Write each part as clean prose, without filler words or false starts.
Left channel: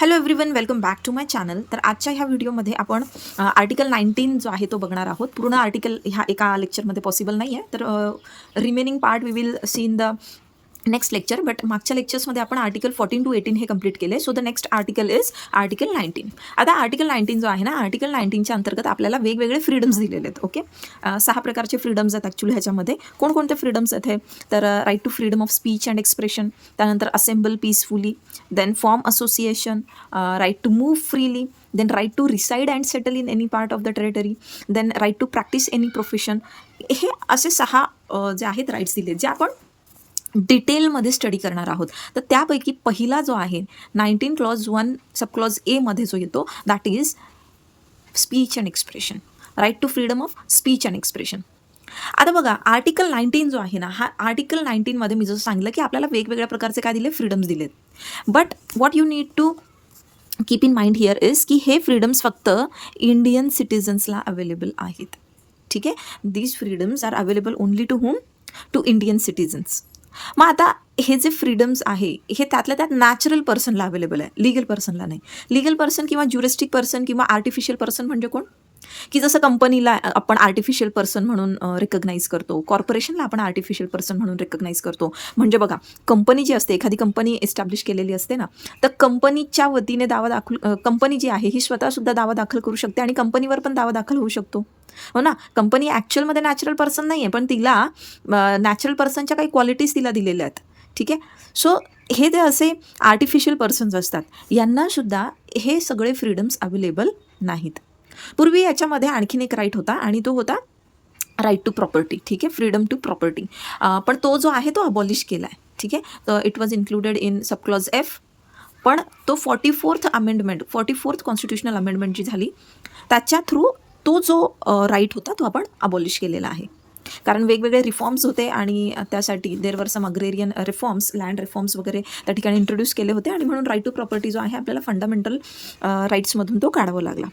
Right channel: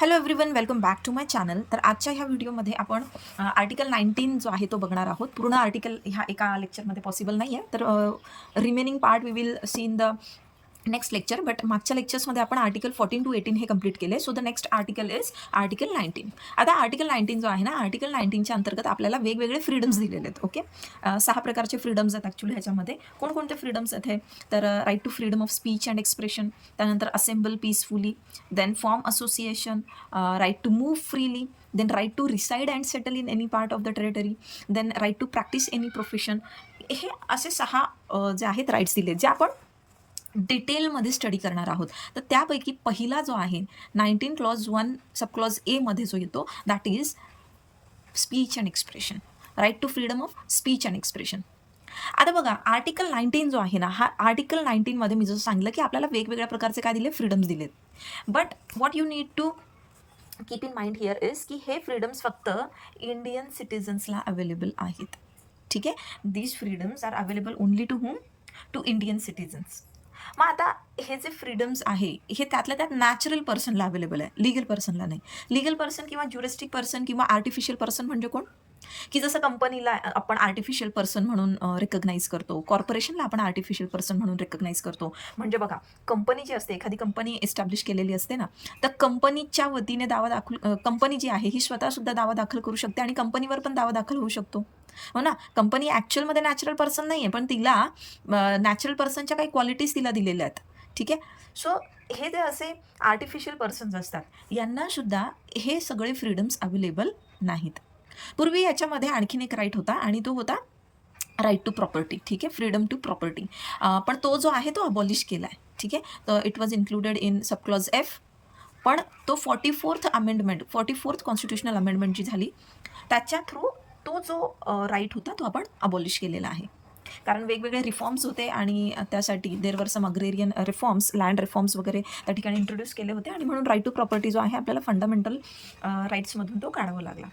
Hello everyone, welcome back to my channel. तर आजच्या ह्या व्हिडिओमध्ये आपण आर्टिकल 19 जो आहे तो बघणार आहोत. पूर्ण आर्टिकल ह्या एका लेक्चरमध्ये पॉसिबल नाही आहे, तर remaining part we will see in the next lecture. But मागच्या लेक्चर्समध्ये आपण आर्टिकल 14 to 18 हे कंप्लीट केले. So the next article is article 19. आता आर्टिकल 19 जो आहे ना, आर्टिकल 19च्या अंतर्गत आपल्याला वेगवेगळे फ्रीडम्स दिलेले आहेत. ओके, 6 प्रकारचे फ्रीडम्स आहेत ॲक्च्युली ह्याच्यामध्ये. कोणकोणते फ्रीडम्स आहेत हे? तर right to freedom of speech and expression, त्यानंतर assemble peacefully, then form association, right to move freely, then right to reside and settle in any part of the territory, then right to practice any profession. हे असे 6 जे आहेत rights दिले, जे आपण डिटेलमध्ये study करणार आहोत. तर त्यापैकी पहिला जो आहे 19 क्लॉज 1 सब क्लॉज ए मध्ये जो येतो, that is speech and expression, right to freedom of speech and expression. आता बघा, आर्टिकल 19 जो आहे ना, हा आर्टिकल 19मध्ये मी जसं सांगितलं की आपल्याला वेगवेगळ्या प्रकारचे काय दिले, फ्रीडम्स दिलेत. But what you need to keep in mind here is की हे फ्रीडम्स फक्त इंडियन सिटिझन्सला अवेलेबल आहेत. ठीक आहे, these freedoms are available only to whom, to Indian citizens. मग आता हे जे फ्रीडम्स आहे हे त्यातल्या त्यात नॅचरल पर्सनला अवेलेबल आहे, लिगल पर्सनला नाही. लिगल पर्सन किंवा ज्युरिस्टिक पर्सन किंवा आर्टिफिशियल पर्सन म्हणजे कोण? की जसं कंपनीला आपण आर्टिफिशियल पर्सन म्हणून रिकग्नाईज करतो, कॉर्पोरेशनला आपण आर्टिफिशियल पर्सन म्हणून रिकग्नाईज करतो. म्हणजे बघा, कंपनी जी असते, एखादी कंपनी एस्टॅब्लिश केलेली असते ना, तर कंपनीच्या वतीने दावा दाखल, कंपनी जी आहे ही स्वतःसुद्धा दावा दाखल करू शकते आणि कंपनीवर पण दावा दाखल होऊ शकतो. हो ना, कंपनी ॲक्च्युअलमध्ये नॅचरल पर्सन नाही आहे, पण तिला नॅचरल पर्सनच्या काही क्वालिटीज तिला दिलेल्या आहेत. ठीक आहे, सो हे जे असे आर्टिफिशियल पर्सन्स असतात, यांनासुद्धा हे सगळे फ्रीडम्स अवेलेबल नाहीत. पूर्वी याच्यामध्ये आणखीन एक राईट होता आणि तो होता राईट टू प्रॉपर्टी. ठीक आहे, फ्रीडम टू प्रॉपर्टी. पण तो जो आहे तो अबॉलिश केला आहे. ठीक आहे, तर it was included in sub clause F. पण तो 44th कॉन्स्टिट्युशनल अमेंडमेंट जी झाली त्याच्या थ्रू तो जो राईट होता तो आपण अबॉलिश केलेला आहे. कारण वेगवेगळे रिफॉर्म्स होते आणि त्यासाठी देर वर सम अग्रेरियन रिफॉर्म्स, लँड रिफॉर्म्स वगैरे त्या ठिकाणी इंट्रोड्यूस केले होते आणि म्हणून राईट टू प्रॉपर्टी जो आहे आपल्याला फंडामेंटल राईट्समधून तो काढावा लागला.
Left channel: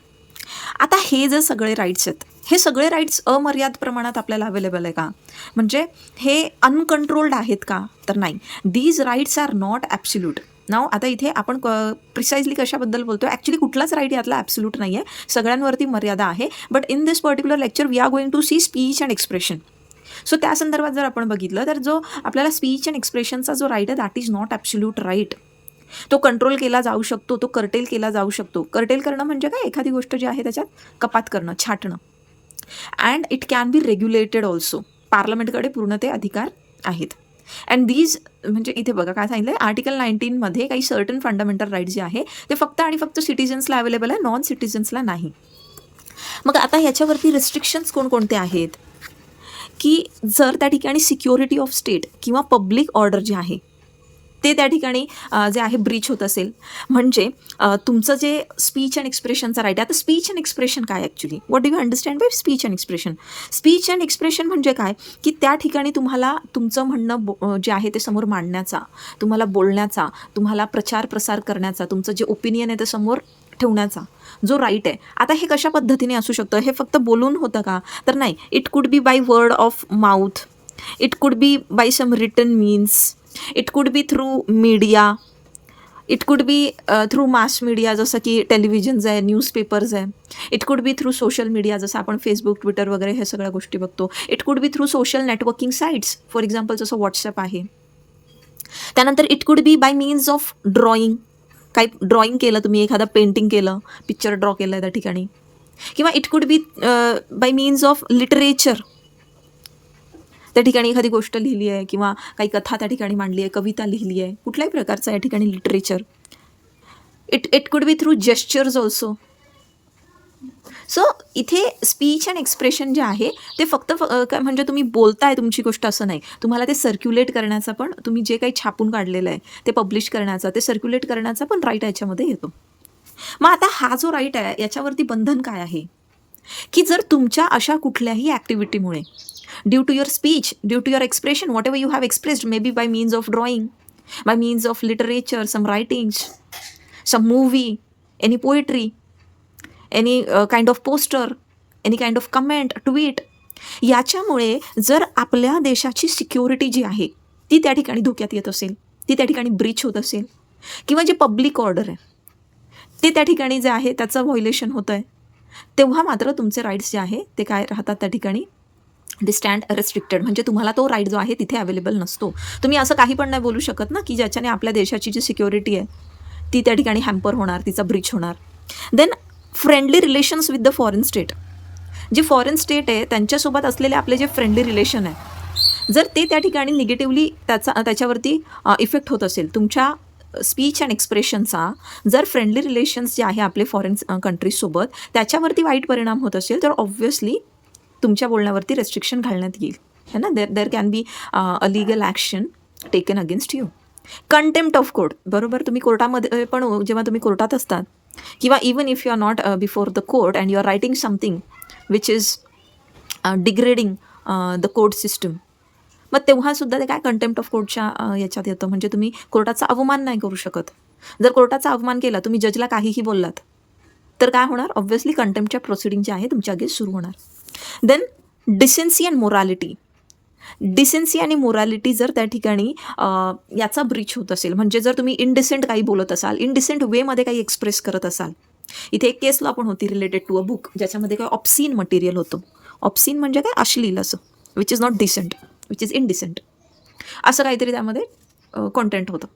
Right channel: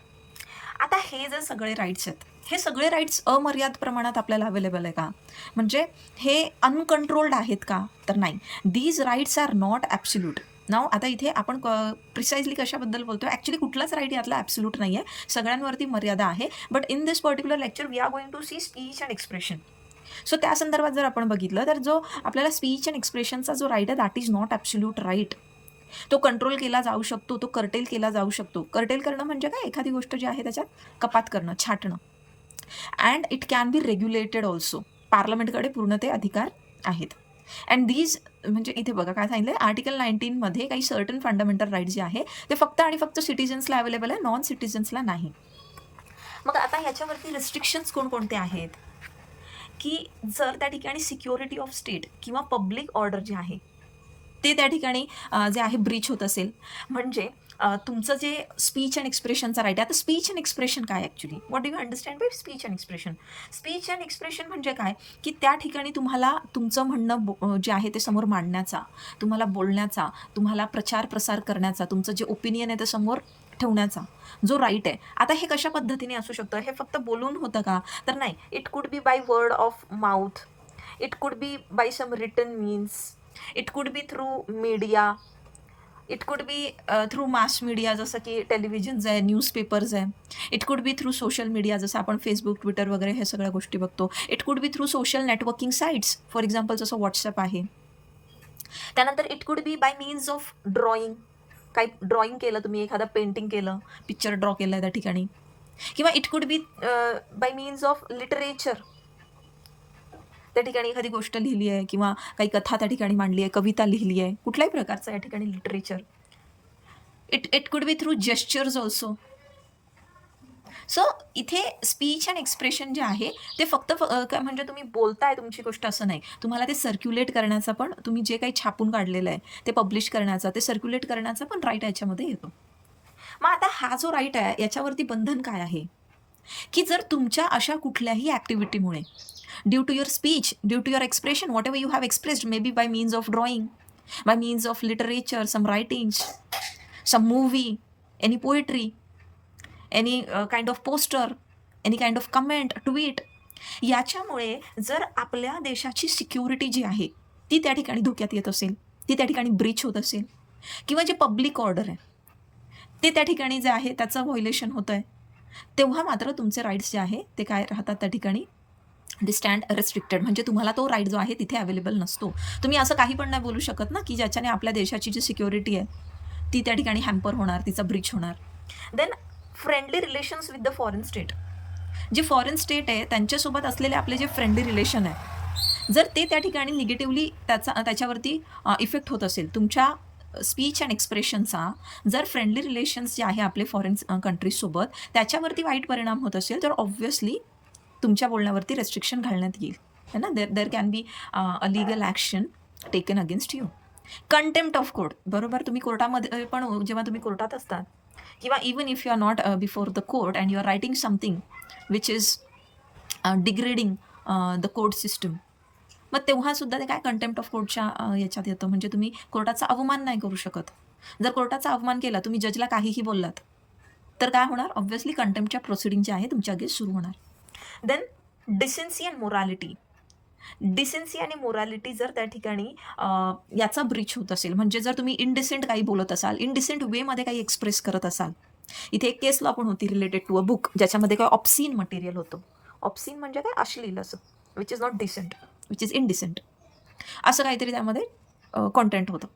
आता हे जे सगळे राईट्स आहेत, हे सगळे राईट्स अमर्याद प्रमाणात आपल्याला अवेलेबल आहे का? म्हणजे हे अनकंट्रोल्ड आहेत का? तर नाही. These rights are not absolute. Now आता इथे आपण प्रिसाइजली कशाबद्दल बोलतो? ॲक्च्युली कुठलाच राईट यातला ॲब्सोल्यूट नाही आहे, सगळ्यांवरती मर्यादा आहे. But in this particular lecture we are going to see speech and expression. So त्या संदर्भात जर आपण बघितलं तर जो आपल्याला स्पीच अँड एक्सप्रेशनचा जो राईट आहे that is not absolute right. तो कंट्रोल केला जाऊ शकतो, तो कर्टेल केला जाऊ शकतो. कर्टेल करणं म्हणजे काय? एखादी गोष्ट जी आहे त्याच्यात कपात करणं, छाटणं. And it can be regulated also. पार्लमेंटकडे पूर्ण ते अधिकार आहेत. अँड दीज म्हणजे इथे बघा काय सांगितलं आहे, आर्टिकल 19मध्ये काही सर्टन फंडामेंटल राईट्स जे आहे ते फक्त आणि फक्त सिटिझन्सला अवेलेबल आहे, नॉन सिटिझन्सला नाही. मग आता ह्याच्यावरती रिस्ट्रिक्शन्स कोणकोणते आहेत? की जर त्या ठिकाणी सिक्युरिटी ऑफ स्टेट किंवा पब्लिक ऑर्डर जे आहे ते त्या ठिकाणी जे आहे ब्रीच होत असेल, म्हणजे तुमचं जे स्पीच अँड एक्सप्रेशनचा राईट आहे. आता स्पीच अँड एक्सप्रेशन काय actually? What do you understand bye speech and expression? Speech and expression म्हणजे काय? की त्या ठिकाणी तुम्हाला तुमचं म्हणणं जे आहे ते समोर मांडण्याचा, तुम्हाला बोलण्याचा, तुम्हाला प्रचार प्रसार करण्याचा, तुमचं जे ओपिनियन आहे ते समोर ठेवण्याचा जो राईट आहे. आता हे कशा पद्धतीने असू शकतं? हे फक्त बोलून होतं का? तर नाही. It could be by word of mouth, it could be by some written means, it could be through media, it could be through mass media जसं की टेलिव्हिजन्स आहे, न्यूजपेपर्स आहे. It could be through social media जसं आपण Facebook, Twitter वगैरे हे सगळ्या गोष्टी बघतो. It could be through social networking sites, for example जसं व्हॉट्सअप आहे. त्यानंतर it could be by means of drawing. काही ड्रॉइंग केलं तुम्ही, एखादं पेंटिंग केलं, पिक्चर ड्रॉ केलं त्या ठिकाणी. किंवा it could be by means of literature. त्या ठिकाणी एखादी गोष्ट लिहिली आहे किंवा काही कथा त्या ठिकाणी मांडली आहे, कविता लिहिली आहे, कुठल्याही प्रकारचं या ठिकाणी literature. It could be through gestures also. So इथे स्पीच अँड एक्सप्रेशन जे आहे ते फक्त म्हणजे तुम्ही बोलताय तुमची गोष्ट असं नाही, तुम्हाला ते सर्क्युलेट करण्याचा पण, तुम्ही जे काही छापून काढलेलं आहे ते पब्लिश करण्याचा, ते सर्क्युलेट करण्याचा पण राईट याच्यामध्ये येतो. मग आता हा जो राईट आहे याच्यावरती बंधन काय आहे? की जर तुमच्या अशा कुठल्याही ॲक्टिव्हिटीमुळे due to your speech, due to your expression, whatever you have expressed, may be by means of drawing, by means of literature, some writings, some movie, any poetry, any kind of poster, any kind of comment, tweet, याच्यामुळे जर आपल्या देशाची security जी आहे ती त्या ठिकाणी धोक्यात येत असेल, ती त्या ठिकाणी ब्रीच होत असेल, किंवा जे पब्लिक ऑर्डर आहे ते त्या ठिकाणी जे आहे त्याचं व्हायोलेशन होतं आहे, तेव्हा मात्र तुमचे राईट्स जे आहे ते काय राहतात त्या ठिकाणी, दे स्टँड रेस्ट्रिक्टेड. म्हणजे तुम्हाला तो राईट जो आहे तिथे अवेलेबल नसतो. तुम्ही असं काही पण नाही बोलू शकत ना की ज्याच्याने आपल्या देशाची जी सिक्युरिटी आहे ती त्या ठिकाणी हॅम्पर होणार, तिचा ब्रीच होणार. Then friendly relations with the foreign state. जे फॉरेन स्टेट आहे त्यांच्यासोबत असलेले आपले जे फ्रेंडली रिलेशन आहे, जर ते त्या ठिकाणी निगेटिव्हली त्याच्यावरती इफेक्ट होत असेल, तुमच्या स्पीच अँड एक्सप्रेशनचा जर फ्रेंडली रिलेशन्स जे आहे आपले फॉरेन कंट्रीजसोबत त्याच्यावरती वाईट परिणाम होत असेल, तर ऑब्व्हियसली तुमच्या बोलण्यावरती रेस्ट्रिक्शन घालण्यात येईल, है ना. There can be a legal action taken against you. Contempt of court, बरोबर. तुम्ही कोर्टामध्ये पण जेव्हा तुम्ही कोर्टात असतात किंवा even if you are not before the court and you are writing something which is degrading the court system, मग तेव्हासुद्धा ते काय कंटेम्प्ट ऑफ कोर्टच्या याच्यात येतं. म्हणजे तुम्ही कोर्टाचा अवमान नाही करू शकत. जर कोर्टाचा अवमान केला, तुम्ही जजला काहीही बोललात, तर काय होणार, ऑब्व्हियसली कंटेम्प्टच्या प्रोसिडिंग जे आहे तुमच्या अगेन्स्ट सुरू होणार. Then decency and morality. Decency आणि मोरालिटी जर त्या ठिकाणी याचा ब्रीच होत असेल, म्हणजे जर तुम्ही इनडिसेंट काही बोलत असाल, इनडिसेंट वेमध्ये काही एक्सप्रेस करत असाल. इथे एक केस लॉ पण होती रिलेटेड टू अ बुक, ज्याच्यामध्ये काय ऑप्सीन मटेरियल होतं. ऑप्सीन म्हणजे काय, अश्लील असं, which is not decent, which is indecent, असं काहीतरी त्यामध्ये कॉन्टेंट होतं.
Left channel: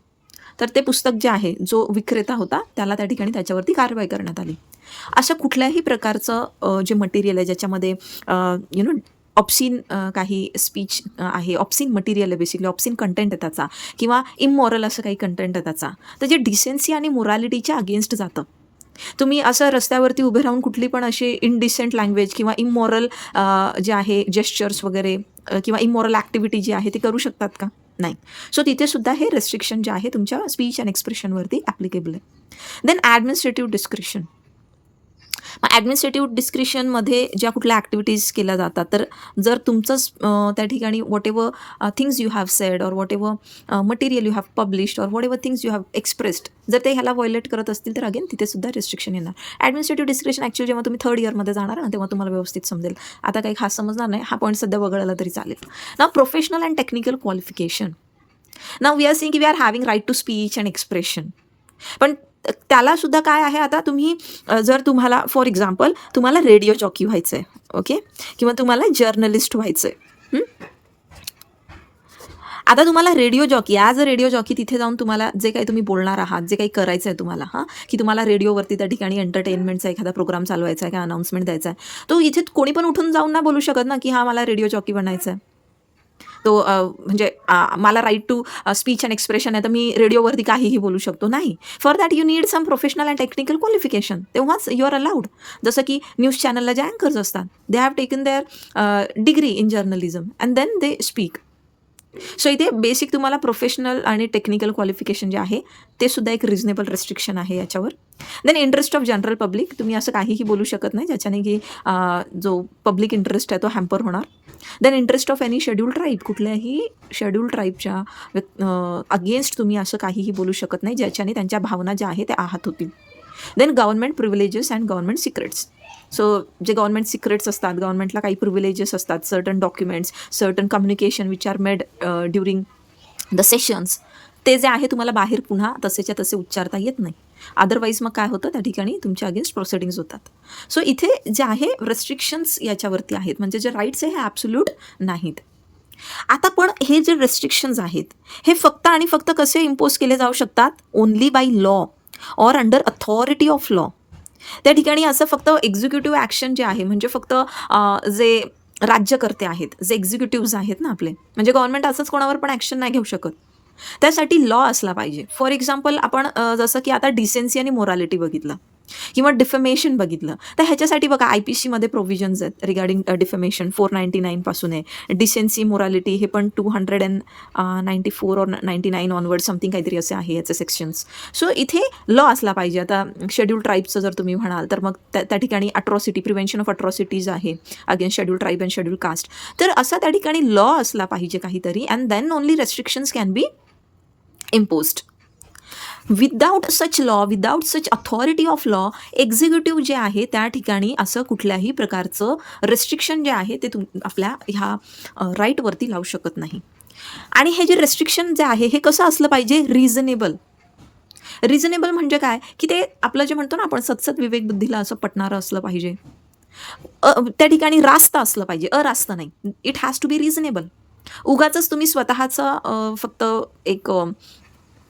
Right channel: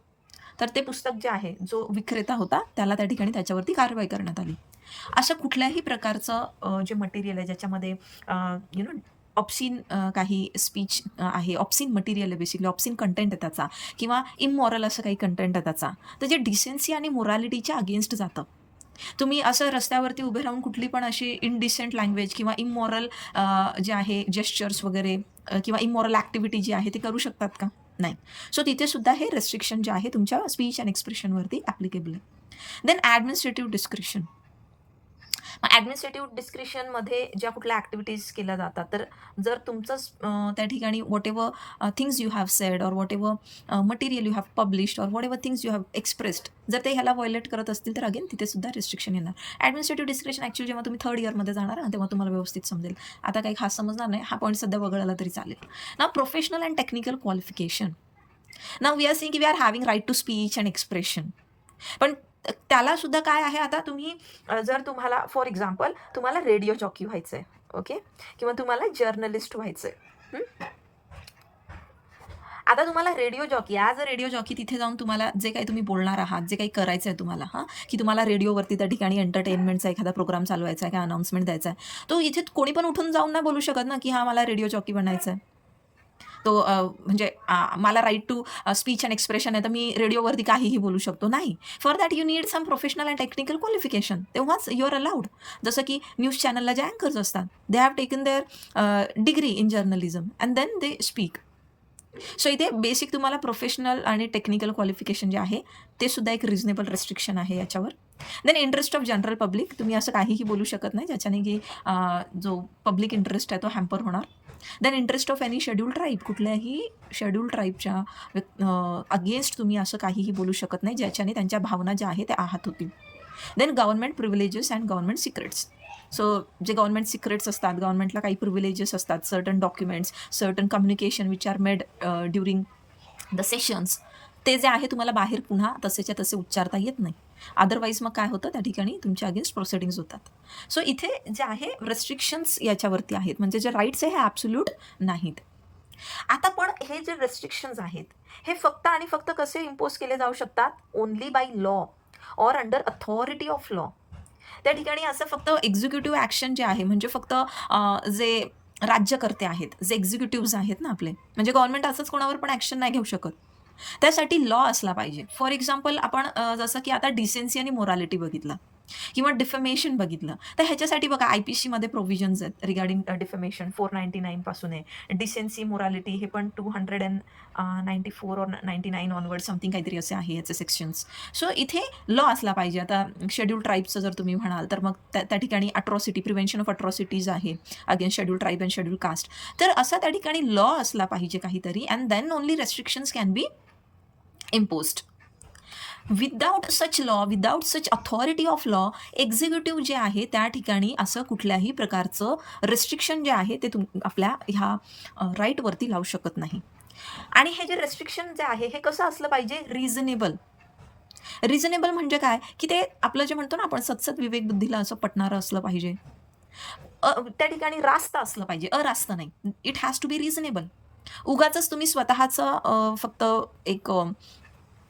तर ते पुस्तक जे आहे, जो विक्रेता होता त्याला त्या ठिकाणी त्याच्यावरती कारवाई करण्यात आली. अशा कुठल्याही प्रकारचं जे मटेरियल आहे ज्याच्यामध्ये ऑप्सीन काही स्पीच आहे, ऑप्सीन मटेरियल आहे, बेसिकली ऑप्सीन कंटेंट आहे त्याचा, किंवा इममॉरल असं काही कंटेंट आहे त्याचा, तर जे डिसेन्सी आणि मोरालिटीच्या अगेन्स्ट जातं. तुम्ही असं रस्त्यावरती उभे राहून कुठली पण अशी इनडिसेंट लँग्वेज किंवा इममॉरल जे आहे जेस्चर्स वगैरे किंवा इममॉरल ॲक्टिव्हिटी जी आहे ती करू शकतात का? नाही. सो तिथे सुद्धा हे रेस्ट्रिक्शन जे आहे तुमच्या स्पीच अँड एक्सप्रेशनवरती ॲप्लिकेबल आहे. Then administrative description. ॲडमिनिस्ट्रेटिव्ह डिस्क्रिप्शनमध्ये ज्या कुठल्या ॲक्टिव्हिटीज केल्या जातात, तर जर तुमचंच त्या ठिकाणी what ever things you have sed or what ever material you have published or what ever things you have expressed, जर ते ह्याला व्हायोलेट करत असतील तर अगेन तिथे सुद्धा रिस्ट्रिक्शन येणार. ॲडमिनिस्ट्रेटिव्ह डिस्क्रिप्शन ॲक्च्युअली जेव्हा तुम्ही थर्ड इयरमध्ये जाणार ना, तेव्हा तुम्हाला व्यवस्थित समजेल. आता काही खास समजणार नाही, हा पॉईंट सध्या वगळला तरी चालेल ना. Professional and technical qualification. Now we are seeing की we are having right to speech and expression, पण त्याला सुद्धा काय आहे, आता तुम्ही जर तुम्हाला फॉर एक्झाम्पल तुम्हाला रेडिओ जॉकी व्हायचं आहे, ओके, किंवा तुम्हाला जर्नलिस्ट व्हायचं आहे. आता तुम्हाला radio jockey, as a radio jockey तिथे जाऊन तुम्हाला जे काही तुम्ही बोलणार आहात, जे काही करायचं आहे तुम्हाला, की तुम्हाला रेडिओवरती त्या ठिकाणी एंटरटेनमेंटचा एखादा प्रोग्राम चालवायचा आहे, काय अनाउन्समेंट द्यायचा आहे, तो इथे कोणी पण उठून जाऊन नाही बोलू शकत ना की मला रेडिओ जॉकी बनायचं आहे. तो म्हणजे मला right to speech and expression आहे, तर मी रेडिओवरती काहीही बोलू शकतो, नाही. For that you need some professional and technical qualification, तेव्हाच यू आर अलाउड. जसं की न्यूज चॅनलला जे अँकर्स असतात, they have taken their degree in journalism and then they speak. So इथे बेसिक तुम्हाला प्रोफेशनल आणि टेक्निकल क्वालिफिकेशन जे आहे ते सुद्धा एक रिजनेबल रेस्ट्रिक्शन आहे याच्यावर. Then interest of general public. तुम्ही असं काहीही बोलू शकत नाही ज्याच्याने की जो पब्लिक इंटरेस्ट आहे तो हॅम्पर होणार. Then interest of any schedule tribe. कुठल्याही शेड्यूल ट्राईबच्या अगेन्स्ट तुम्ही असं काहीही बोलू शकत नाही ज्याच्याने त्यांच्या भावना ज्या आहेत त्या आहत होतील. Then government privileges and government secrets. So जे गव्हर्नमेंट सिक्रेट्स असतात, गव्हर्नमेंटला काही प्रिव्हिलेजेस असतात, certain documents, certain communication which are made during the sessions, ते जे आहे तुम्हाला बाहेर पुन्हा तसेच्या तसे उच्चारता येत नाही. अदरवाईज मग काय होतं, त्या ठिकाणी तुमच्या अगेन्स्ट प्रोसिडिंग्स होतात. सो इथे जे आहे रेस्ट्रिक्शन्स याच्यावरती आहेत, म्हणजे जे राईट्स आहे हे ॲब्सोल्यूट नाहीत. आता पण हे जे रेस्ट्रिक्शन्स आहेत हे फक्त आणि फक्त कसे इम्पोज केले जाऊ शकतात, only by law or under authority of law. त्या ठिकाणी असं फक्त एक्झिक्युटिव्ह ॲक्शन जे आहे, म्हणजे फक्त जे राज्यकर्ते आहेत, जे एक्झिक्युटिव्हज आहेत ना आपले, म्हणजे गव्हर्नमेंट असंच कोणावर पण ॲक्शन नाही घेऊ शकत, त्यासाठी लॉ असला पाहिजे. फॉर एक्झाम्पल आपण जसं की आता डिसेन्सी आणि मोरालिटी बघितलं किंवा डिफेमेशन बघितलं, तर ह्याच्यासाठी बघा IPC मध्ये प्रोव्हिजन्स आहेत रिगार्डिंग डिफेमेशन. 499 पासून आहे. डिसेन्सी मोरालिटी हे पण 294 और 99 ऑनवर्ड समथिंग काहीतरी असे आहे याचे सेक्शन्स. सो इथे लॉ असला पाहिजे. आता शेड्यूल ट्राईबचं जर तुम्ही म्हणाल तर मग त्या ठिकाणी अट्रॉसिटी, प्रिव्हेन्शन ऑफ अट्रॉसिटीज आहे against schedule tribe and schedule caste. तर असा त्या ठिकाणी लॉ असला पाहिजे काहीतरी, and then only restrictions can be imposed. Without such law, without such authority of law, executive जे आहे त्या ठिकाणी असं कुठल्याही प्रकारचं रेस्ट्रिक्शन जे आहे ते आपल्या ह्या राईटवरती लावू शकत नाही. आणि हे जे रेस्ट्रिक्शन जे आहे हे कसं असलं पाहिजे, रिझनेबल. रिझनेबल म्हणजे काय, की ते आपलं जे म्हणतो ना आपण सतसत विवेक बुद्धीला असं पटणारं असलं पाहिजे. त्या ठिकाणी रास्त असलं पाहिजे, अरास्त नाही. It has to be reasonable. उगाचच तुम्ही स्वतःचा फक्त एक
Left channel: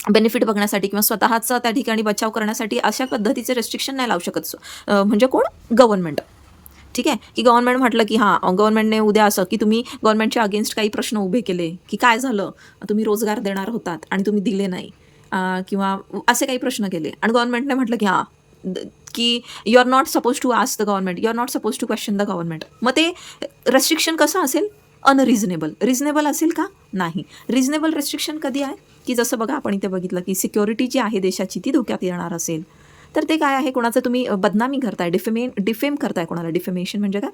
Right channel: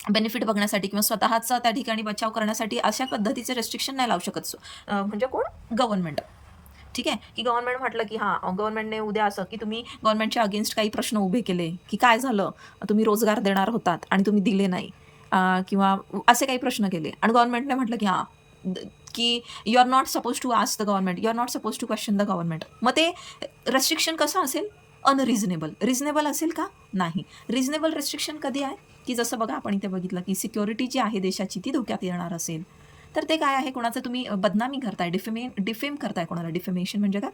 बेनिफिट बघण्यासाठी किंवा स्वतःचा त्या ठिकाणी बचाव करण्यासाठी अशा पद्धतीचे रेस्ट्रिक्शन नाही लावू शकत. म्हणजे कोण? गव्हर्नमेंट. ठीक आहे, की गव्हर्नमेंट म्हटलं की हां, गव्हर्नमेंटने उद्या असं की तुम्ही गव्हर्नमेंटच्या अगेन्स्ट काही प्रश्न उभे केले, की काय झालं? तुम्ही रोजगार देणार होतात आणि तुम्ही दिले नाही, किंवा असे काही प्रश्न केले आणि गव्हर्नमेंटने म्हटलं की हां, की you are not suppose to ask the government, you are not suppose to question the government. मग ते रेस्ट्रिक्शन कसं असेल? अनरिझनेबल. रिझनेबल असेल का? नाही. रिझनेबल रेस्ट्रिक्शन कधी आहे? की जसं बघा आपण इथे बघितलं की सिक्युरिटी जी आहे देशाची ती धोक्यात येणार असेल, तर ते काय आहे? कोणाचं तुम्ही बदनामी करताय, डिफेम करताय कोणाला. डिफेमेशन म्हणजे काय?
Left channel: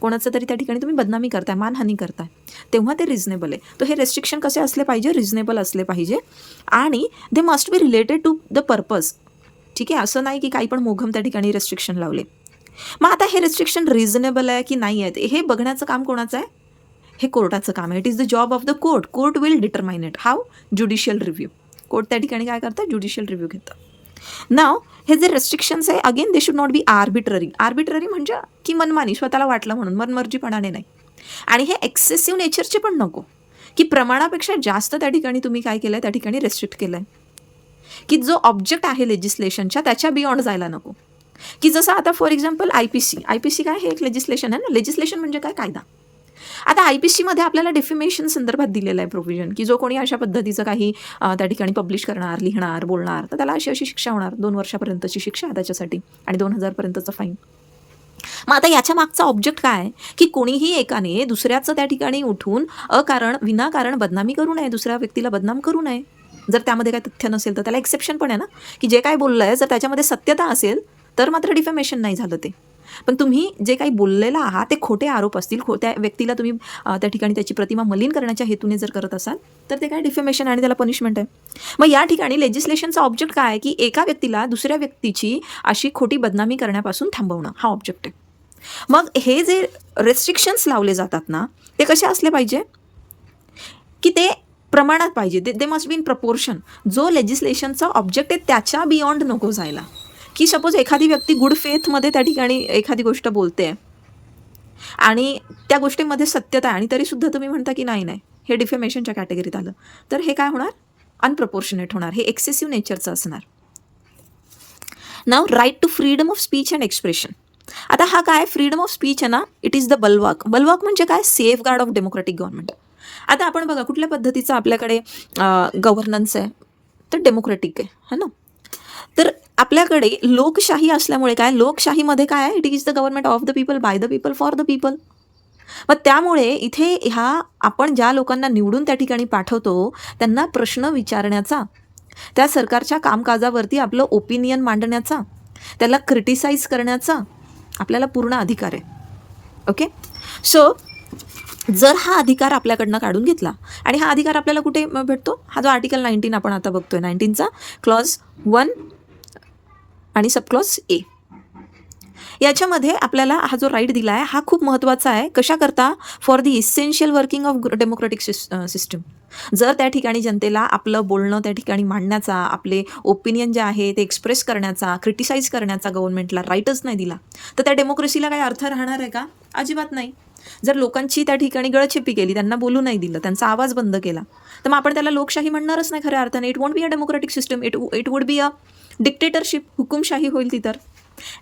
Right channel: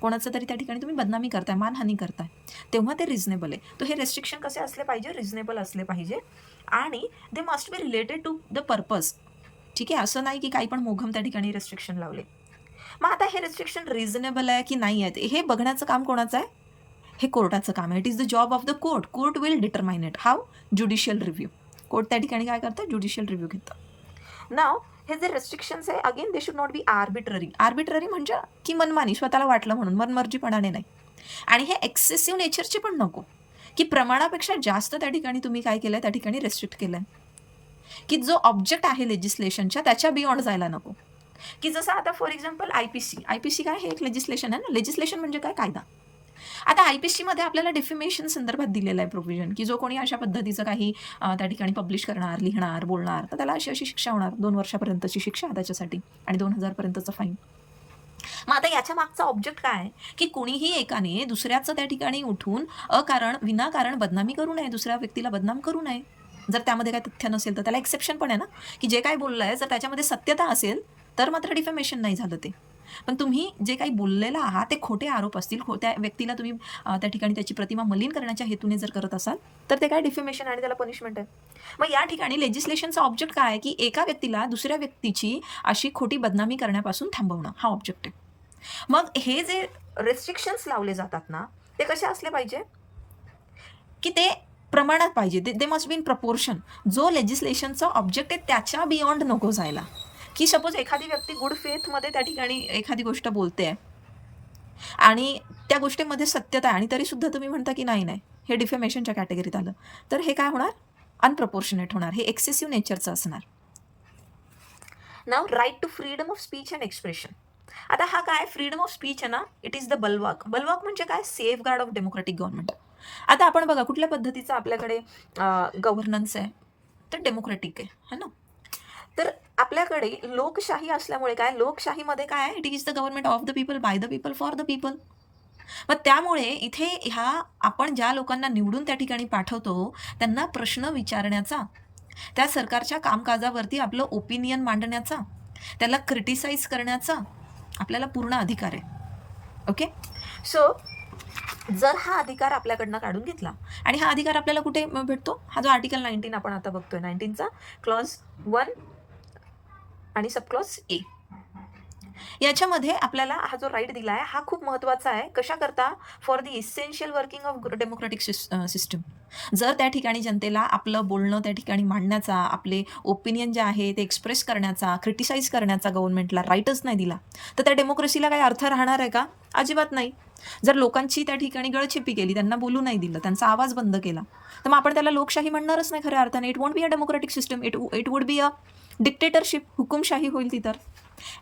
कोणाचं तरी त्या ठिकाणी तुम्ही बदनामी करताय, मानहानी करताय, तेव्हा ते रिझनेबल आहे. तर हे रेस्ट्रिक्शन कसे असले पाहिजे? रिझनेबल असले पाहिजे आणि they must be related to the purpose. ठीक आहे, असं नाही की काही पण मोघम त्या ठिकाणी रेस्ट्रिक्शन लावले. मग आता हे रेस्ट्रिक्शन रिझनेबल आहे की नाही आहे हे बघण्याचं काम कोणाचं आहे? हे कोर्टाचं काम आहे. It is the job of the court. Court will determine it. How? Judicial review. Court त्या ठिकाणी काय करतं? ज्युडिशियल रिव्ह्यू घेतं. नाव हे जे रेस्ट्रिक्शन्स आहे again they should not be arbitrary. Arbitrary म्हणजे की मनमानी, स्वतःला वाटलं म्हणून, मनमर्जीपणाने नाही. आणि हे एक्सेसिव्ह नेचरचे पण नको, की प्रमाणापेक्षा जास्त त्या ठिकाणी तुम्ही काय केलं आहे? त्या ठिकाणी रेस्ट्रिक्ट केलं आहे, की जो ऑब्जेक्ट आहे लेजिस्लेशनच्या त्याच्या बियॉन्ड जायला नको. की जसं आता फॉर एक्झाम्पल आय-पी-सी काय? हे एक लेजिस्लेशन आहे ना. लेजिस्लेशन म्हणजे काय? कायदा. आता आय-पी-सीमध्ये आपल्याला डेफिमेशन संदर्भात दिलेलं आहे प्रोव्हिजन, की जो कोणी अशा पद्धतीचं काही त्या ठिकाणी पब्लिश करणार, लिहिणार, बोलणार, तर त्याला अशी शिक्षा होणार. 2 वर्षापर्यंतची शिक्षा त्याच्यासाठी आणि 2000 पर्यंतचं फाईन. मग आता याच्या मागचा ऑब्जेक्ट काय? की कोणीही एकाने दुसऱ्याचं त्या ठिकाणी उठून विनाकारण बदनामी करू नये, दुसऱ्या व्यक्तीला बदनाम करू नये. जर त्यामध्ये काही तथ्य नसेल तर त्याला एक्सेप्शन पण आहे ना, की जे काही बोललंय जर त्याच्यामध्ये सत्यता असेल तर मात्र डिफेमेशन नाही झालं ते. पण तुम्ही जे काही बोललेलं आहात ते खोटे आरोप असतील, त्या व्यक्तीला तुम्ही त्या ठिकाणी त्याची प्रतिमा मलिन करण्याच्या हेतूने जर करत असाल तर ते काय? डिफेमेशन आणि त्याला पनिशमेंट आहे. मग या ठिकाणी लेजिस्लेशनचा ऑब्जेक्ट काय आहे? की एका व्यक्तीला दुसऱ्या व्यक्तीची अशी खोटी बदनामी करण्यापासून थांबवणं हा ऑब्जेक्ट आहे. मग हे जे रेस्ट्रिक्शन्स लावले जातात ना, ते कसे असले पाहिजे? की ते प्रमाणात पाहिजे. दे मस्ट बी इन प्रपोर्शन. जो लेजिस्लेशनचा ऑब्जेक्ट आहे त्याच्या बियॉन्ड नको जायला. की सपोज एखादी व्यक्ती गुड फेथमध्ये त्या ठिकाणी एखादी गोष्ट बोलते आणि त्या गोष्टीमध्ये सत्यता आहे आणि तरीसुद्धा तुम्ही म्हणता की नाही हे डिफेमेशनच्या कॅटेगरीत आलं, तर हे काय होणार? अनप्रपोर्शनेट होणार. हे एक्सेसिव्ह नेचरचं असणार. Now right to freedom of speech and expression. आता हा काय? फ्रीडम ऑफ स्पीच आहे ना, it is the bulwark. Bulwark म्हणजे काय? Safeguard of democratic government. आता आपण बघा कुठल्या पद्धतीचं आपल्याकडे गव्हर्नन्स आहे, तर डेमोक्रेटिक आहे, है ना. तर आपल्याकडे लोकशाही असल्यामुळे काय? लोकशाहीमध्ये काय आहे? It is the government of the people, by the people, for the people. मग त्यामुळे इथे आपण ज्या लोकांना निवडून त्या ठिकाणी पाठवतो त्यांना प्रश्न विचारण्याचा, त्या सरकारच्या कामकाजावरती आपलं ओपिनियन मांडण्याचा, त्याला क्रिटिसाइज करण्याचा आपल्याला पूर्ण अधिकार आहे. ओके. सो जर हा अधिकार आपल्याकडनं काढून घेतला आणि हा अधिकार आपल्याला कुठे भेटतो? हा जो आर्टिकल 19 आपण आता बघतोय, 19चा क्लॉज 1 आणि सबक्लॉज ए, याच्यामध्ये आपल्याला हा जो राईट दिला आहे हा खूप महत्त्वाचा आहे. कशा करता? For the essential working of democratic system. जर त्या ठिकाणी जनतेला आपलं बोलणं त्या ठिकाणी मांडण्याचा, आपले ओपिनियन जे आहे ते एक्सप्रेस करण्याचा, क्रिटिसाइज करण्याचा गव्हर्नमेंटला राईटच नाही दिला तर त्या डेमोक्रेसीला काही अर्थ राहणार आहे का? अजिबात नाही. जर लोकांची त्या ठिकाणी गळचेपी केली, त्यांना बोलू नाही दिलं, त्यांचा आवाज बंद केला, तर मग आपण त्याला लोकशाही म्हणणारच नाही खऱ्या अर्थाने. It won't be a democratic system, it would be a dictatorship, हुकुमशाही होईल ती तर.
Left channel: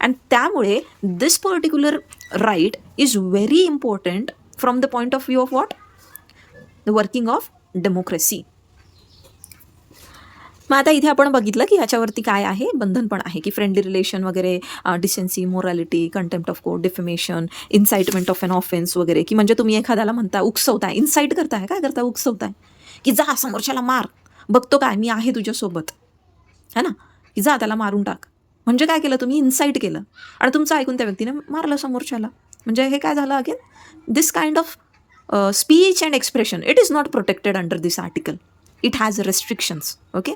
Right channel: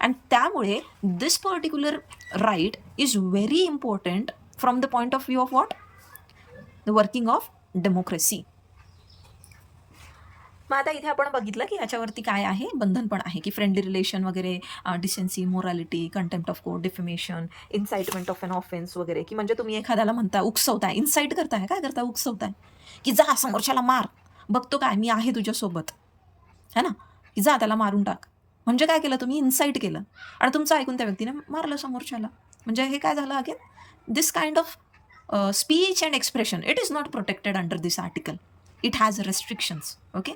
अँड त्यामुळे this particular right is very important from the point of view of what? The working of democracy. मग आता इथे आपण बघितलं की ह्याच्यावरती काय आहे? बंधन पण आहे की फ्रेंडली रिलेशन वगैरे, decency, morality, contempt of court, defamation, incitement of an offence वगैरे. की म्हणजे तुम्ही एखाद्याला म्हणता, उकसवताय, इन्साइट करताय, काय करता? उकसवताय की जा समोरच्याला मार, बघतो काय मी आहे तुझ्यासोबत, है ना, की जा त्याला मारून टाक. म्हणजे काय केलं तुम्ही? इन्साइट केलं आणि तुमचं ऐकून त्या व्यक्तीने मारलं समोरच्याला. म्हणजे हे काय झालं? Again this kind of speech and expression it is not protected under this article. It has restrictions. Okay.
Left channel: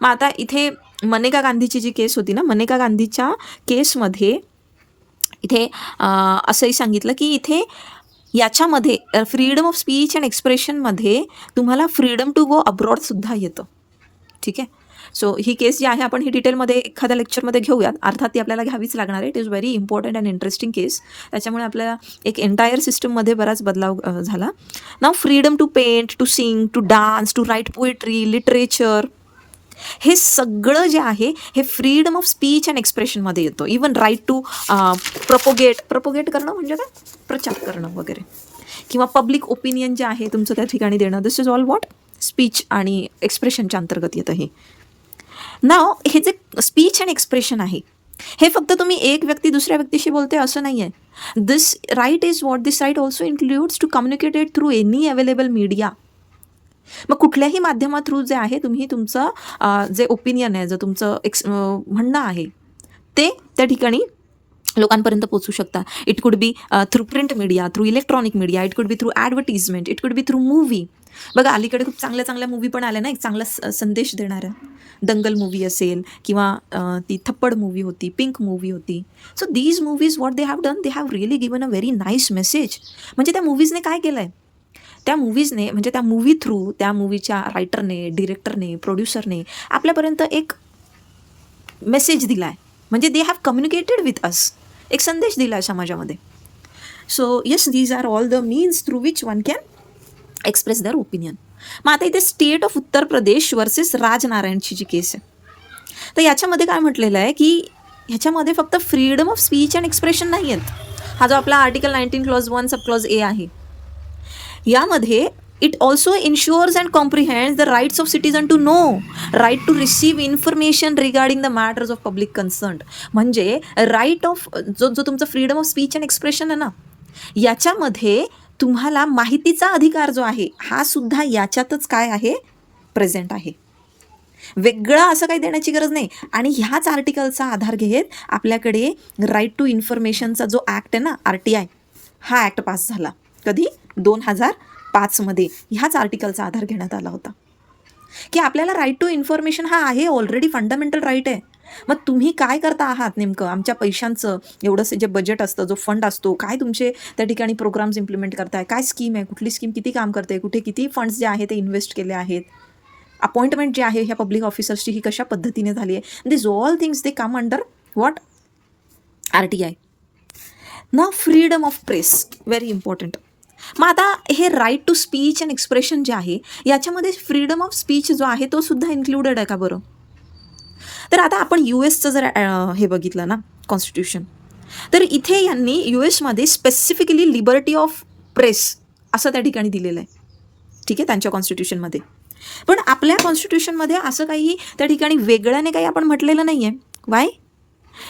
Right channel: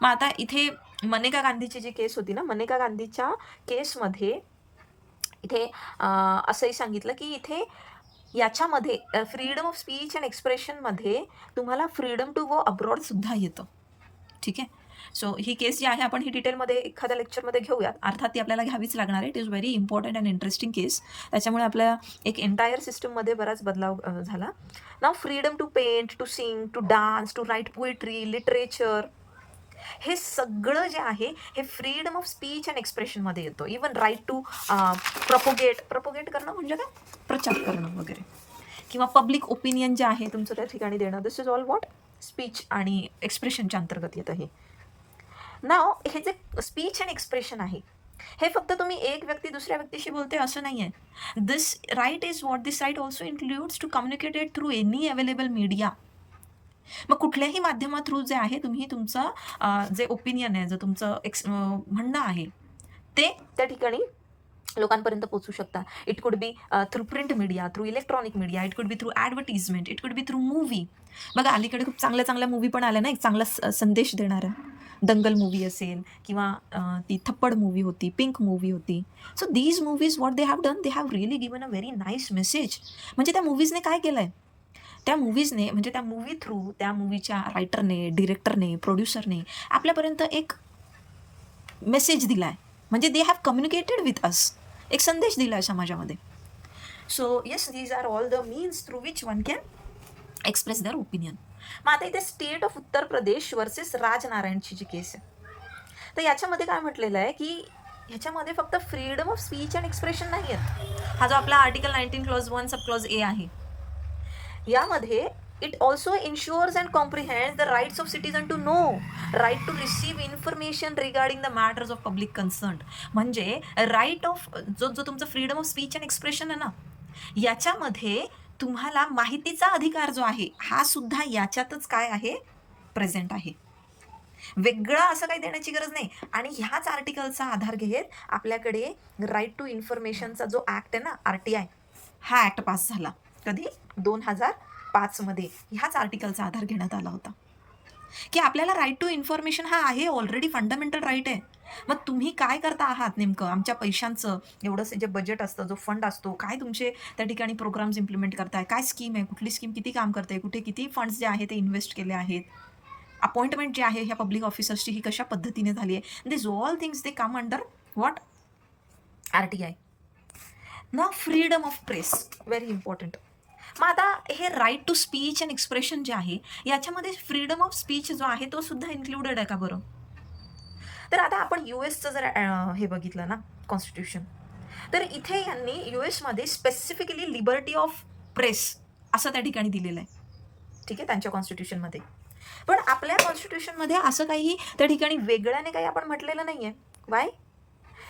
मग आता इथे मनेका गांधीची जी केस होती ना, मनेका गांधीच्या केसमध्ये इथे असंही सांगितलं की इथे याच्यामध्ये फ्रीडम ऑफ स्पीच अँड एक्सप्रेशनमध्ये तुम्हाला फ्रीडम टू गो अब्रॉडसुद्धा येतं. ठीक आहे. सो ही केस जी आहे आपण ही डिटेलमध्ये एखाद्या लेक्चरमध्ये घेऊयात. अर्थात ती आपल्याला घ्यावीच लागणार आहे. It is very important and interesting case. त्याच्यामुळे आपल्या एक एंटायर सिस्टममध्ये बराच बदलाव झाला. Now freedom to paint, to sing, to dance, to write poetry, literature, हे सगळं जे आहे हे फ्रीडम ऑफ स्पीच अँड एक्सप्रेशनमध्ये येतो. इवन राईट टू प्रपोगेट करणं म्हणजे काय, प्रचार करणं वगैरे, किंवा पब्लिक ओपिनियन जे आहे तुमचं त्या ठिकाणी देणं, दिस इज ऑल व्हॉट स्पीच आणि एक्सप्रेशनच्या अंतर्गत येतं हे. नाव हे जे स्पीच अँड एक्सप्रेशन आहे हे फक्त तुम्ही एक व्यक्ती दुसऱ्या व्यक्तीशी बोलते असं नाही आहे. This right is what this right also includes to communicated through any available media. मग कुठल्याही माध्यमा थ्रू जे आहे तुम्ही तुमचं जे ओपिनियन आहे, जे तुमचं म्हणणं आहे ते त्या ठिकाणी लोकांपर्यंत पोहोचू शकता. It could be through print media, through electronic media, it could be through advertisement, it could be through movie. बघा अलीकडे खूप चांगल्या चांगल्या मूवी पण आल्या ना, एक चांगला संदेश देणाऱ्या. दंगल मूवी असेल किंवा ती थप्पड मूवी होती, पिंक मूवी होती. So these movies what they have done, they have really given a very nice message. म्हणजे त्या मूवीजने काय केलं आहे, त्या मूवीजने म्हणजे त्या मूवी थ्रू त्या मूवीच्या रायटरने, डिरेक्टरने, प्रोड्युसरने आपल्यापर्यंत एक मेसेज दिला आहे. म्हणजे they have communicated with us, एक संदेश दिला आहे समाजामध्ये. So yes, these are all the means through which one can express their opinion. मग आता इथे state of Uttar Pradesh versus राजनारायणची G case आहे, तर याच्यामध्ये काय म्हटलेलं आहे की ह्याच्यामध्ये फक्त freedom of speech and expression नाही आहेत. हा जो आपला article 19 clause 1 sub clause a आहे, यामध्ये it also ensures and comprehends the rights of citizen to know, right to receive information regarding the matters of public concern. म्हणजे right of जो तुमचा freedom of speech and expression आहे ना, याच्यामध्ये तुम्हाला माहितीचा अधिकार जो आहे हा सुद्धा याच्यातच काय आहे, प्रेझेंट आहे. वेगळं असं काही देण्याची गरज नाही. आणि ह्याच आर्टिकलचा आधार घेत आपल्याकडे राईट टू इन्फॉर्मेशनचा जो ॲक्ट आहे ना, RTI, हा ॲक्ट पास झाला. कधी, 2005मध्ये. ह्याच आर्टिकलचा आधार घेण्यात आला होता की आपल्याला राईट टू इन्फॉर्मेशन हा आहे, ऑलरेडी फंडामेंटल राईट आहे. मग तुम्ही काय करता आहात नेमकं, आमच्या पैशांचं एवढंसं जे बजेट असतं, जो फंड असतो, काय तुमचे त्या ठिकाणी प्रोग्राम्स इम्प्लिमेंट करताय, काय स्कीम आहे, कुठली स्कीम किती काम करते, कुठे किती फंड्स जे आहे ते इन्व्हेस्ट केले आहेत, अपॉइंटमेंट जी आहे ह्या पब्लिक ऑफिसर्सची ही कशा पद्धतीने झाली आहे. This all things they come under what, RTI. ना freedom of press, very important. मग आता हे right to speech and expression जे आहे याच्यामध्ये फ्रीडम ऑफ स्पीच जो आहे तो सुद्धा इन्क्लुडेड आहे का बरं. तर आता आपण US जर हे बघितलं ना कॉन्स्टिट्यूशन, तर इथे यांनी US specifically liberty of press असं त्या ठिकाणी दिलेलं आहे. ठीक आहे, त्यांच्या कॉन्स्टिट्यूशनमध्ये. पण आपल्या कॉन्स्टिट्यूशनमध्ये असं काही त्या ठिकाणी वेगळ्याने काही आपण म्हटलेलं नाही आहे. वाय?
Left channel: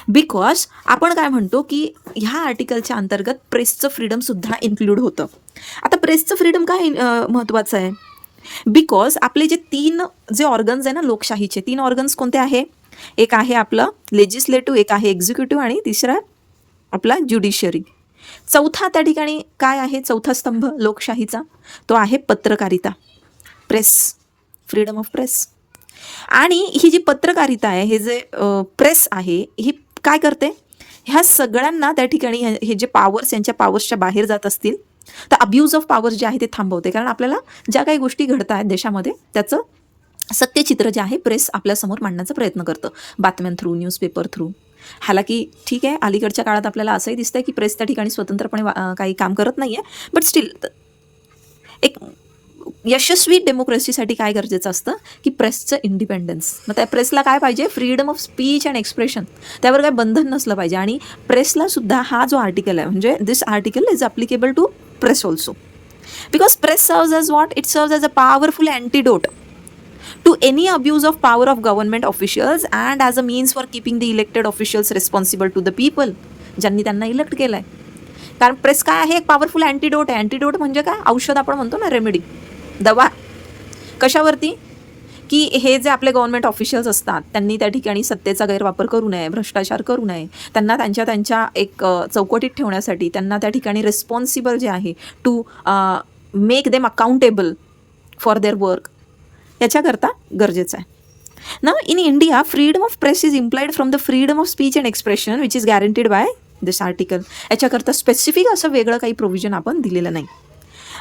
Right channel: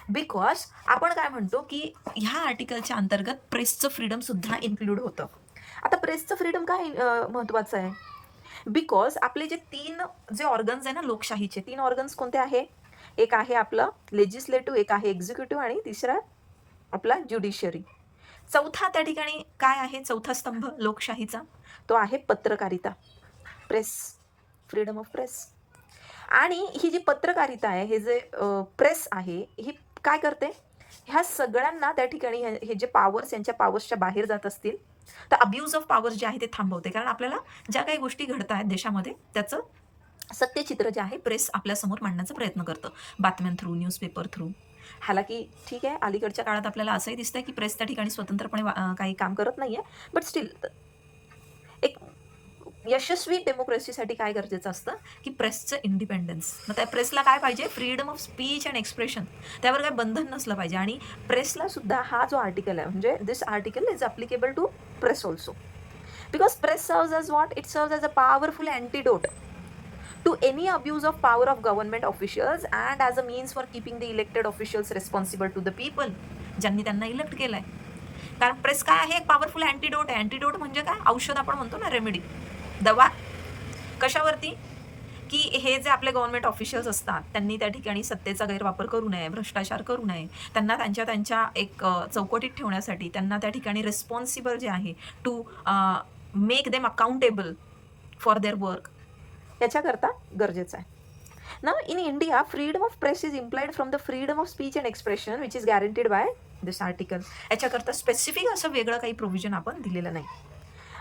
बिकॉज आपण काय म्हणतो की ह्या आर्टिकलच्या अंतर्गत प्रेसचं फ्रीडमसुद्धा इन्क्लूड होतं. आता प्रेसचं फ्रीडम काय महत्त्वाचं आहे, बिकॉज आपले जे 3 जे ऑर्गन्स आहे ना लोकशाहीचे, 3 ऑर्गन्स कोणते आहे, एक आहे आपलं लेजिस्लेटिव्ह, एक आहे एक्झिक्युटिव्ह आणि तिसरा आपला ज्युडिशियरी. चौथा त्या ठिकाणी काय आहे, चौथा स्तंभ लोकशाहीचा तो आहे पत्रकारिता, प्रेस, फ्रीडम ऑफ प्रेस. आणि ही जी पत्रकारिता आहे, हे जे प्रेस आहे, ही काय करते, ह्या सगळ्यांना त्या ठिकाणी हे जे पावर्स यांच्या पावर्सच्या बाहेर जात असतील तर अब्यूज ऑफ पॉवर्स जे आहे ते थांबवते. कारण आपल्याला ज्या काही गोष्टी घडत आहेत देशामध्ये त्याचं सत्यचित्र जे आहे प्रेस आपल्यासमोर मांडण्याचा प्रयत्न करतं, बातम्यां थ्रू, न्यूजपेपर थ्रू. हालाकी ठीक आहे, अलीकडच्या काळात आपल्याला असंही दिसतंय की प्रेस त्या ठिकाणी स्वतंत्रपणे काही काम करत नाही आहे. बट स्टील एक यशस्वी डेमोक्रेसीसाठी काय गरजेचं असतं की प्रेसचं इंडिपेंडन्स. मग त्या प्रेसला काय पाहिजे, freedom of speech and expression, त्यावर काही बंधन नसलं पाहिजे. आणि प्रेसला सुद्धा हा जो आर्टिकल आहे, म्हणजे this article is applicable to press also, because press serves as what, it serves as a powerful antidote to any abuse of power of government officials and as a means for keeping the elected officials responsible to the people, ज्यांनी त्यांना elect केलं आहे. कारण press काय आहे, एक powerful antidote आहे. Antidote म्हणजे काय, औषध आपण म्हणतो ना, रेमेडी, दवा. कशावरती, की हे जे आपले गव्हर्नमेंट ऑफिशियल्स असतात त्यांनी त्या ठिकाणी सत्तेचा गैरवापर करू नये, भ्रष्टाचार करू नये, त्यांना त्यांच्या एक चौकटीत ठेवण्यासाठी त्यांना त्या ठिकाणी रिस्पॉन्सिबल जे आहे to make them accountable for their work, याच्याकरता गरजेचं आहे ना. In India freedom of press is implied from the freedom of speech and expression which is guaranteed by this article. याच्याकरता स्पेसिफिक असं वेगळं काही प्रोव्हिजन आपण दिलेलं नाही.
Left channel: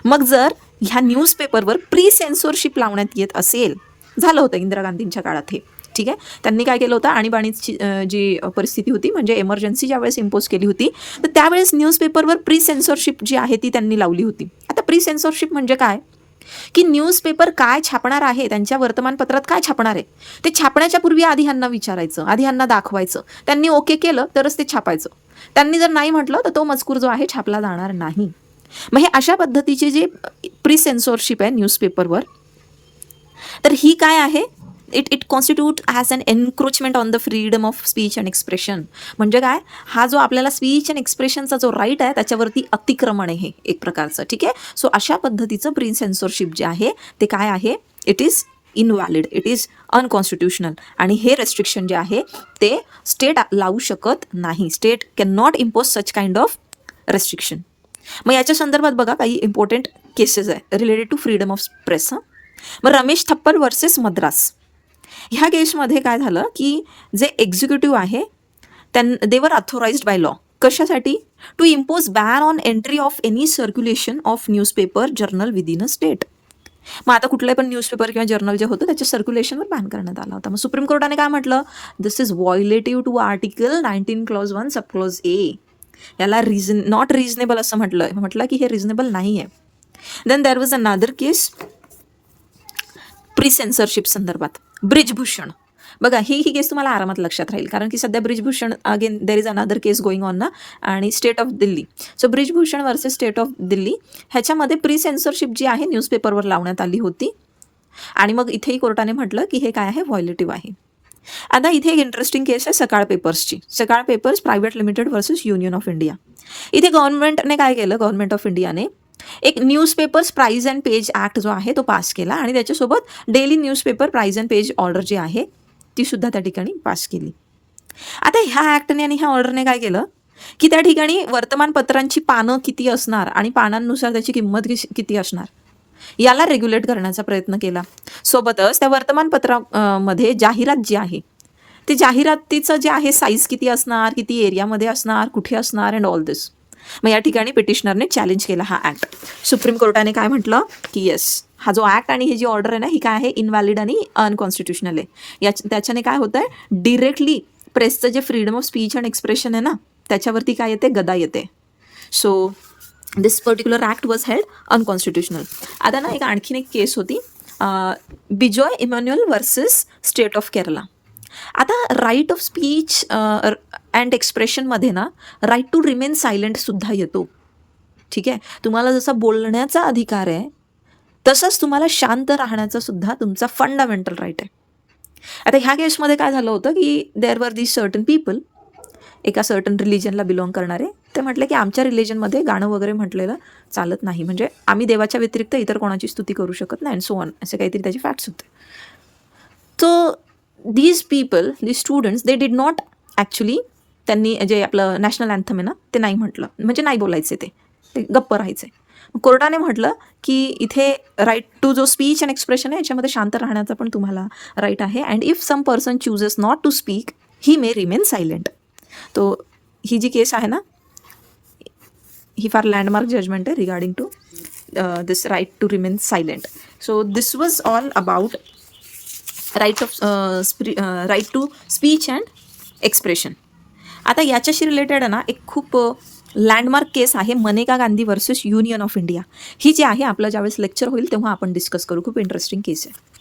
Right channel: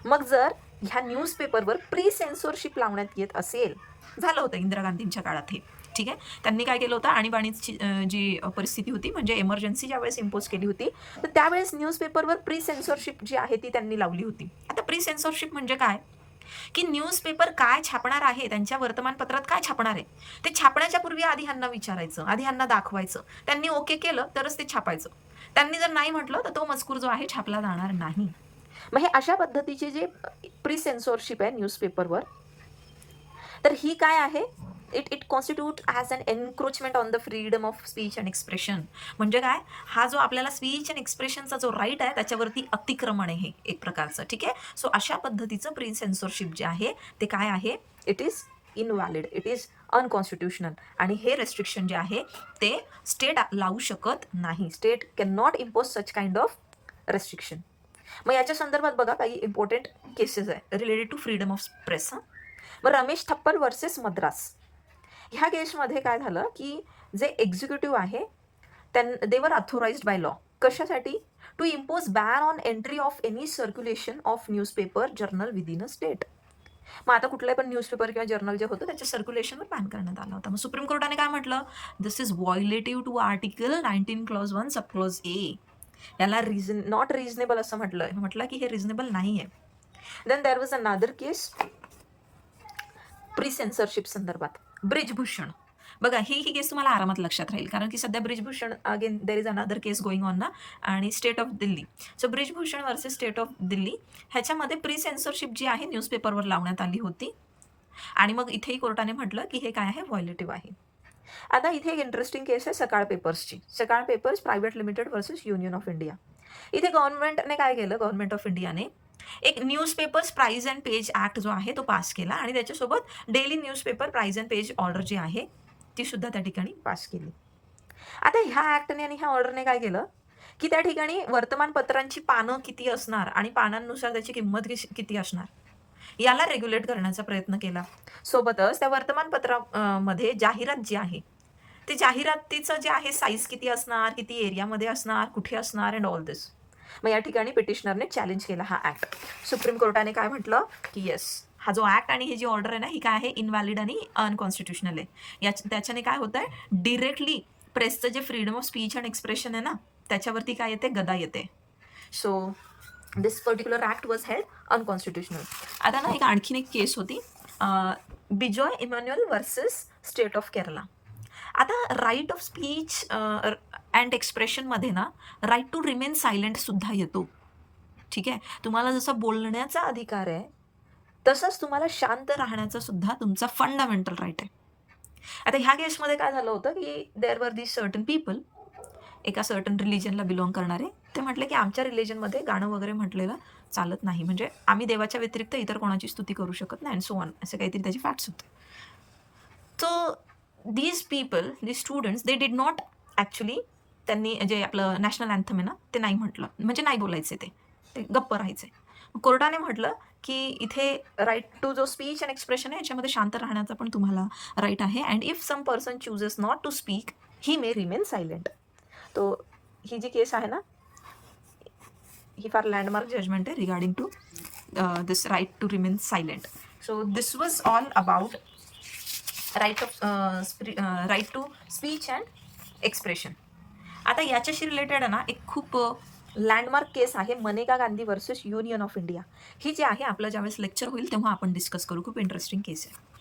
मग जर ह्या न्यूजपेपरवर प्री सेन्सॉरशिप लावण्यात येत असेल, झालं होतं इंदिरा गांधींच्या काळात हे, ठीक आहे. त्यांनी काय केलं होतं, आणीबाणीची जी परिस्थिती होती म्हणजे एमर्जन्सी ज्यावेळेस इम्पोज केली होती, तर त्यावेळेस न्यूजपेपरवर प्री सेन्सॉरशिप जी आहे ती त्यांनी लावली होती. आता प्री सेन्सॉरशिप म्हणजे काय, की न्यूजपेपर काय छापणार आहे, त्यांच्या वर्तमानपत्रात काय छापणार आहे, ते छापण्याच्या पूर्वी आधी ह्यांना विचारायचं, आधी ह्यांना दाखवायचं. त्यांनी ओके केलं तरच ते छापायचं. त्यांनी जर नाही म्हटलं तर तो मजकूर जो आहे छापला जाणार नाही. मग हे अशा पद्धतीचे जे प्री सेन्सॉरशिप आहे न्यूजपेपरवर, तर ही काय आहे, it constitute as an encroachment on the freedom of speech and expression. म्हणजे काय, हा जो आपल्याला स्पीच अँड एक्सप्रेशनचा जो राईट आहे त्याच्यावरती अतिक्रमण आहे एक प्रकारचं. ठीक आहे. सो अशा पद्धतीचं प्री सेन्सॉरशिप जे आहे ते काय आहे, it is invalid, it is unconstitutional. आणि हे रेस्ट्रिक्शन जे आहे ते स्टेट लावू शकत नाही. State can not impose such kind of restriction. मग याच्या संदर्भात बघा काही इम्पॉर्टंट केसेस आहे related to freedom of press. मग रमेश थप्पड वर्सेस मद्रास, ह्या केसमध्ये काय झालं की जे एक्झिक्युटिव्ह आहे देवर अथॉराइज्ड बाय लॉ, कशासाठी, to impose ban on entry of any circulation of newspaper journal within a state. मग आता कुठलंही पण न्यूजपेपर किंवा जर्नल जे होतं त्याच्या सर्क्युलेशनवर बॅन करण्यात आला होता. मग सुप्रीम कोर्टाने काय म्हटलं, this is violative to article 19 clause 1 sub clause A. याला नॉट रिझनेबल असं म्हटलं की हे रिझनेबल नाही आहे. Then there was another case pre censorship संदर्भात, ब्रिजभूषण. बघा ही केस तुम्हाला आरामात लक्षात राहील, कारण की सध्या Brijbhushan again there is another case going on ना, आणि state of Delhi. So Brijbhushan versus state of Delhi, ह्याच्यामध्ये प्री सेन्सरशिप जी आहे न्यूजपेपरवर लावण्यात आली होती. आणि मग इथेही कोर्टाने म्हटलं की हे काय आहे, व्हायोलेटिव्ह आहे. आता इथे एक इंटरेस्टिंग केस आहे सकाळ पेपर्सची. Sakal papers private limited versus union of India. इथे गव्हर्नमेंटने काय केलं, गव्हर्नमेंट ऑफ इंडियाने एक newspapers price and page act जो आहे तो पास केला, आणि त्याच्यासोबत daily newspaper price and page order जी आहे ती सुद्धा त्या ठिकाणी पास केली. आता ह्या ॲक्टने आणि ह्या ऑर्डरने काय केलं की त्या ठिकाणी वर्तमानपत्रांची पानं किती असणार आणि पानांनुसार त्याची किंमत किती असणार याला रेग्युलेट करण्याचा प्रयत्न केला. सोबतच त्या वर्तमानपत्रामध्ये जाहिरात जी आहे ते जाहिरातीचं जे आहे साईज किती असणार, किती एरियामध्ये असणार, कुठे असणार, अँड ऑल दिस. मग या ठिकाणी पिटिशनरने चॅलेंज केला हा ॲक्ट. सुप्रीम कोर्टाने काय म्हटलं की येस, हा जो ॲक्ट आणि ही जी ऑर्डर आहे ना ही काय आहे, इनव्हॅलिड आणि अनकॉन्स्टिट्युशनल आहे. त्याच्याने काय होतं आहे, डिरेक्टली प्रेसचं जे freedom of speech and expression आहे ना त्याच्यावरती काय येते, गदा येते. So this particular act was held unconstitutional. आता ना एक आणखीन एक केस होती, Bijoy Emmanuel versus state of Kerala. आता राईट ऑफ स्पीच अँड एक्सप्रेशनमध्ये ना राईट टू रिमेन सायलेंटसुद्धा येतो. ठीक आहे. तुम्हाला जसा बोलण्याचा अधिकार आहे तसंच तुम्हाला शांत राहण्याचा सुद्धा तुमचा फंडामेंटल राईट आहे. आता ह्या केसमध्ये काय झालं होतं की there were the certain people, एका सर्टन रिलिजनला बिलॉंग करणारे, ते म्हटले की आमच्या रिलिजनमध्ये गाणं वगैरे म्हटलेलं चालत नाही, म्हणजे आम्ही देवाच्या व्यतिरिक्त इतर कोणाची स्तुती करू शकत नाही, अँड सो ऑन, असे काहीतरी त्याचे फॅक्ट्स होते. So these people, these students, they did not actually, त्यांनी जे आपलं नॅशनल अँथम आहे ना ते नाही म्हटलं, म्हणजे नाही बोलायचे, ते गप्प राहायचे. कोर्टाने म्हटलं की इथे राईट टू जो स्पीच अँड एक्सप्रेशन आहे याच्यामध्ये शांत राहण्याचा पण तुम्हाला राईट आहे, and if some person chooses not to speak he may remain silent. तो ही जी केस आहे ना ही फार लँडमार्क जजमेंट आहे regarding to this right to remain silent. So this was all about right to speech and expression. आता याच्याशी रिलेटेड ना एक खूप लँडमार्क केस आहे, Maneka Gandhi versus union of India. ही जी आहे आपलं ज्यावेळेस लेक्चर होईल तेव्हा आपण डिस्कस करू. खूप इंटरेस्टिंग केस आहे.